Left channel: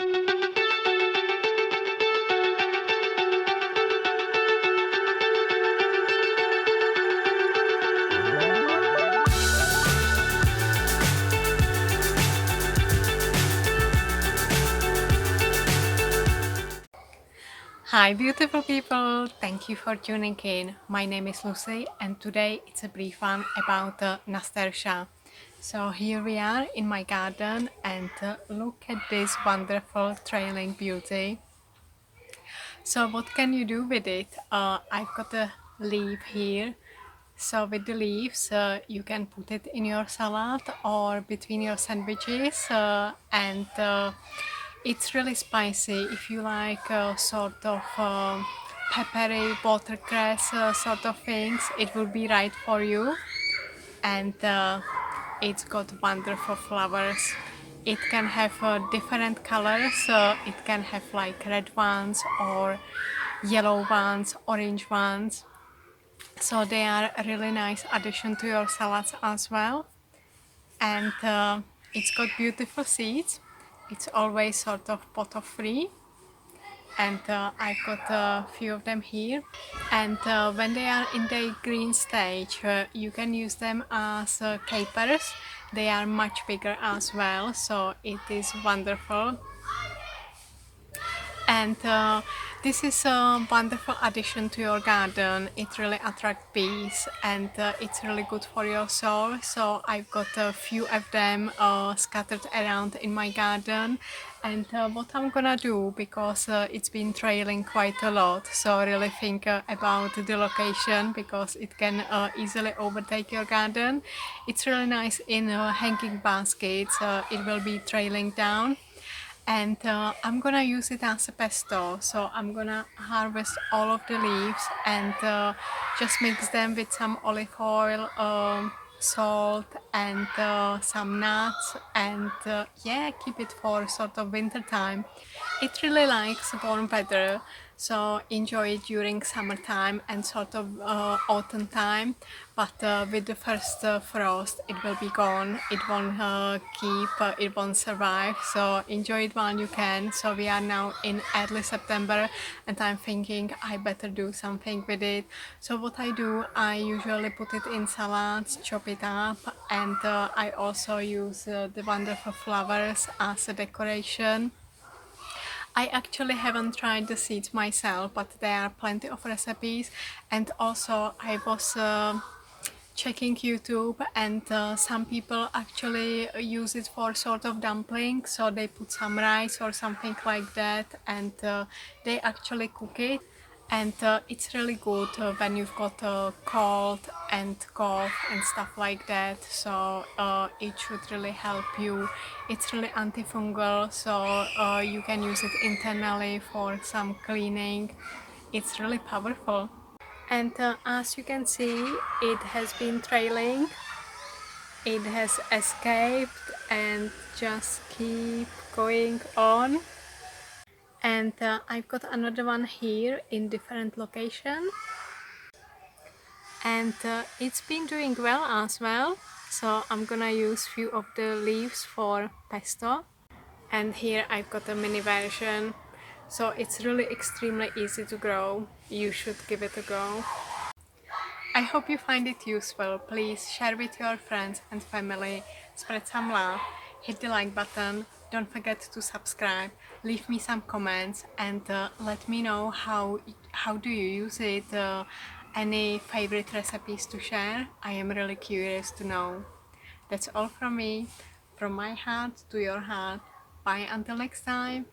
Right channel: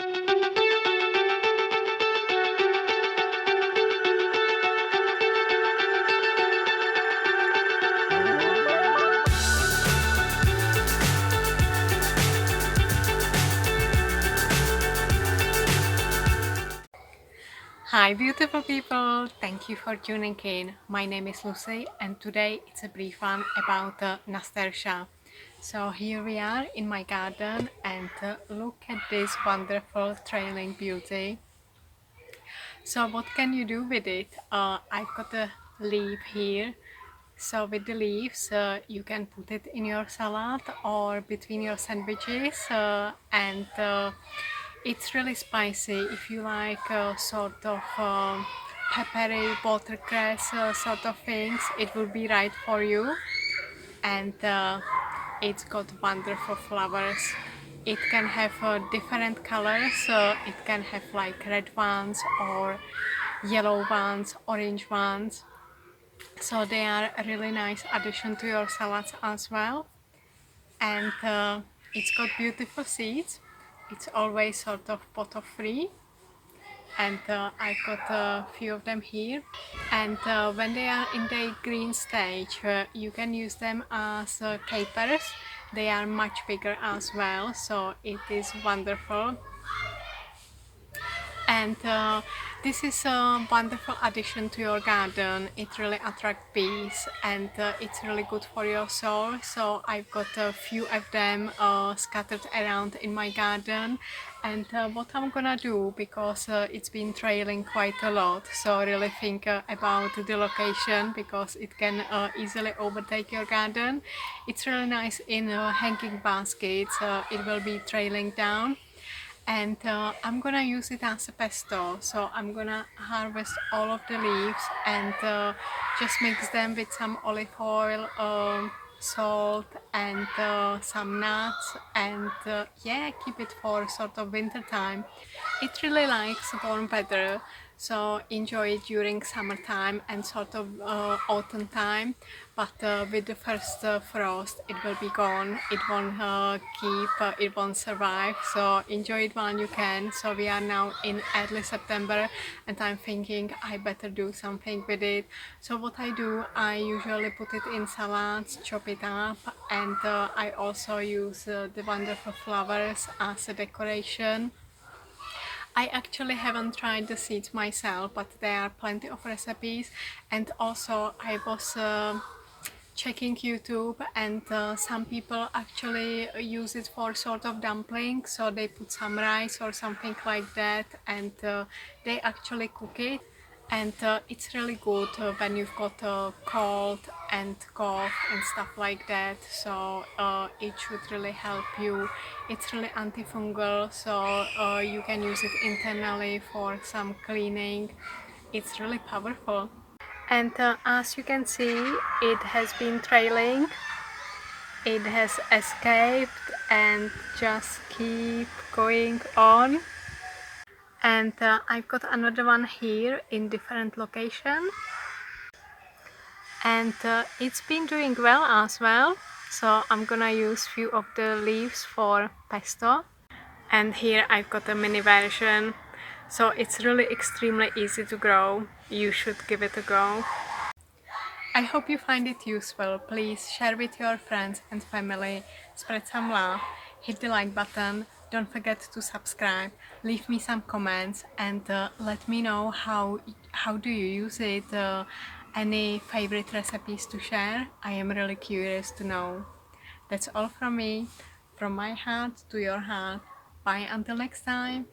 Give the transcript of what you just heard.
Hi beautiful people, thank you for tuning in. My name is Lucy and today it's a brief one about Nasturtia. So here we are in my garden and look at this wonderful trailing beauty. So what can you do with it? I've got a leaf here. So with the leaves you can put it in your salad or between your sandwiches and it's really spicy. If you like sort of peppery watercress sort of things, it will be right for you. And it's got wonderful flowers. It can have different colors. It can have like red ones or yellow ones, orange ones. So they are a really nice addition to your salads as well. And it's got beautiful seeds. It's always sort of pot free, and I've got a few of them here. And when they are in the green stage, you can use them as capers. They are much bigger as well, so it is wonderful. And this is a wonderful addition to your garden. It really attracts bees and it's really good for your soil. So I've got a few of them scattered around in my garden. And what I'm gonna do, because it's been trailing quite a lot, so really think about the location, because it can easily overtake your garden. It's really nice in hanging baskets. It will be trailing down, and I'm gonna use it as a pesto. So I'm gonna harvest all of the leaves and just mix them with some olive oil, salt and some nuts, and yeah, keep it for sort of winter time. It really likes warm weather, so enjoy it during summertime and sort of autumn time. But with the first frost, it will be gone. It won't it won't survive. So enjoy it while you can. So we are now in early September, and I'm thinking I better do something with it. So what I do, I usually put it in salads, chop it up, and I also use the wonderful flowers as a decoration. I actually haven't tried the seeds myself, but there are plenty of recipes. And also I was checking YouTube, and some people actually use it for sort of dumpling. So they put some rice or something like that, and they actually cook it. And it's really good when you've got a cold and cough and stuff like that. So it should really help you. It's really antifungal, so you can use it internally for some cleaning. It's really powerful. And as you can see, it has been trailing. It has escaped and just keep going on. And I've got another one here in different location, and it's been doing well as well. So I'm gonna use few of the leaves for pesto. And here I've got a mini version. So it's really extremely easy to grow. You should give it a go. I hope you find it useful. Please share with your friends and family, spread some love, hit the like button, don't forget to subscribe, leave me some comments, and let me know how do you use it, any favorite recipes to share. I am really curious to know. That's all from me, from my heart to your heart. Bye until next time.